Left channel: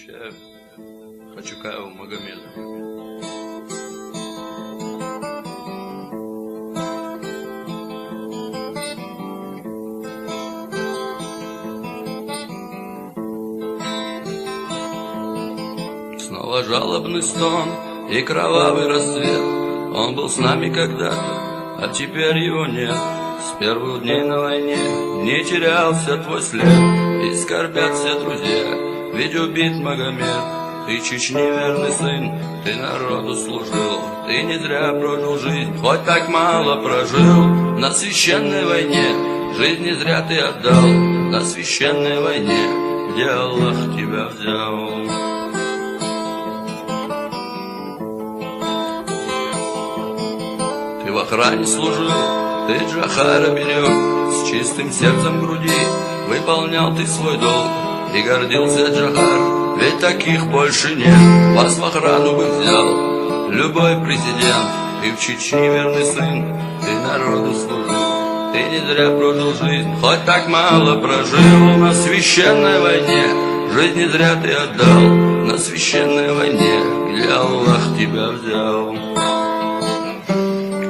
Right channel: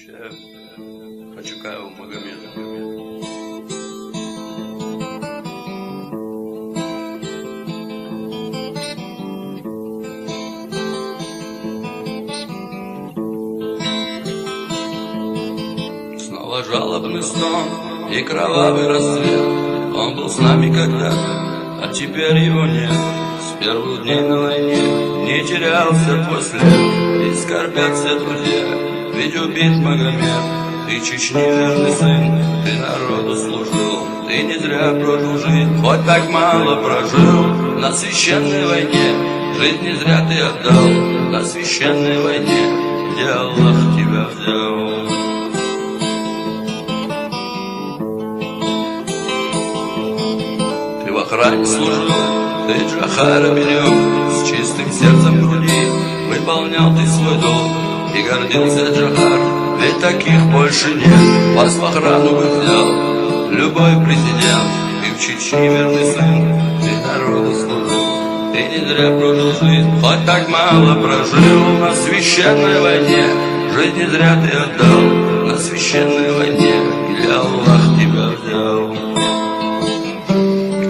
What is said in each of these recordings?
Посвящаю Хачукаеву Магомеду. Снова жалобный стон и кровавый рассвет. Он был с нами когда-то, а теперь его нет. С первых дней на войне не терялся твой след. И скорбят все друзья, ведь убит Магомед. Ты Чечни верный сын, ты народу служил. Ты не зря прожил жизнь, хоть так мало прожил. На священной войне жизнь не зря ты отдал. На священной войне, где Аллах тебя взял. Ты в охране служил, ты Джохара берег, с чистым сердцем в груди выполнял ты свой долг. И гордился Джохар, ведь таких больше нет. Вас в охрану бы взял любой президент. Ты в Чечне верный сын, ты народу служил. Ты не зря прожил жизнь, хоть так мало прожил. На священной войне жизнь не зря ты отдал. На священной войне, где Аллах тебя взял.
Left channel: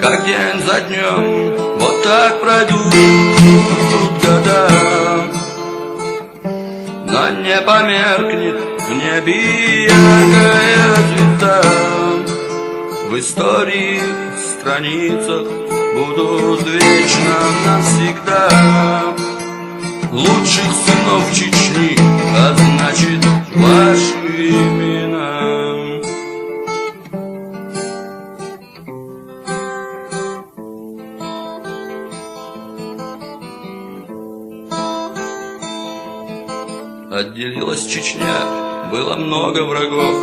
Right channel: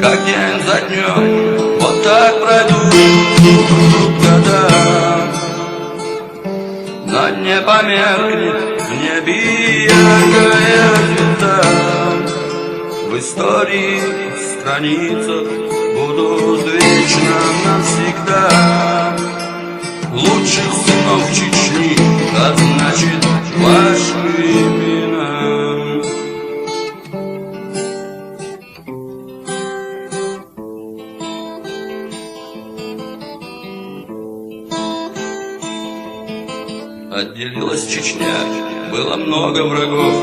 Как день за днем, вот так пройдут года, но не померкнет в небе яркая звезда. В истории, в страницах будут вечно навсегда. Лучших сынов Чечни, а значит ваши имена. Отделилась Чечня, было много врагов.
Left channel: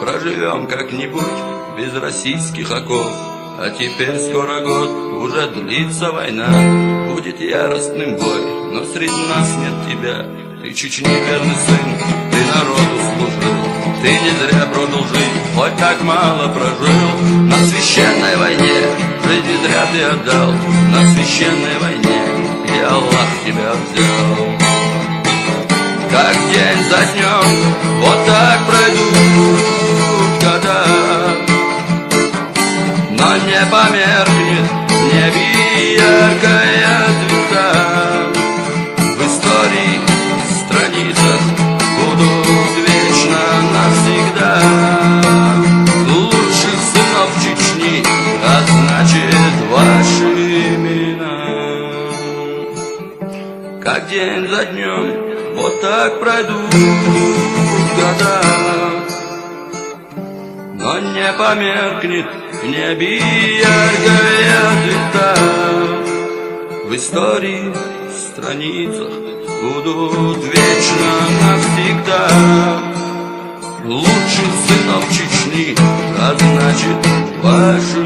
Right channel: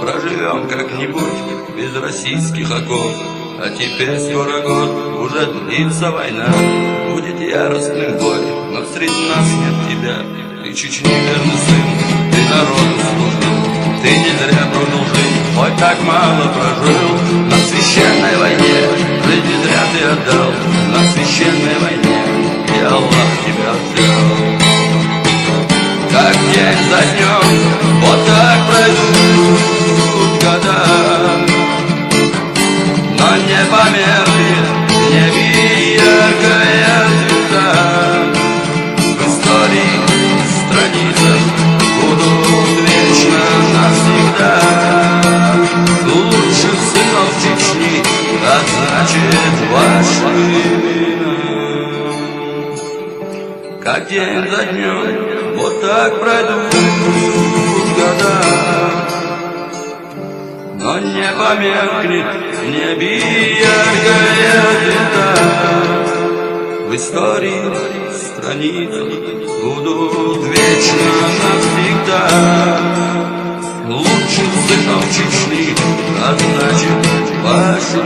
Проживем как-нибудь без российских оков. А теперь скоро год, уже длится война. Будет яростным бой, но среди нас нет тебя. Ты Чечни верный сын, ты народу служил. Ты не зря прожил жизнь, хоть так мало прожил. На священной войне жизнь не зря ты отдал. На священной войне, где Аллах тебя взял. Как день за днем, вот так пройдут года, но не померкнет в небе яркая звезда. В истории, в страницах будут вечно навсегда. Лучших сынов Чечни, а значит ваши имена. Как день за днем, вот так пройдут года, но не померкнет в небе яркая звезда. В истории, в страницах будут вечно навсегда. Лучших сынов Чечни, а значит ваши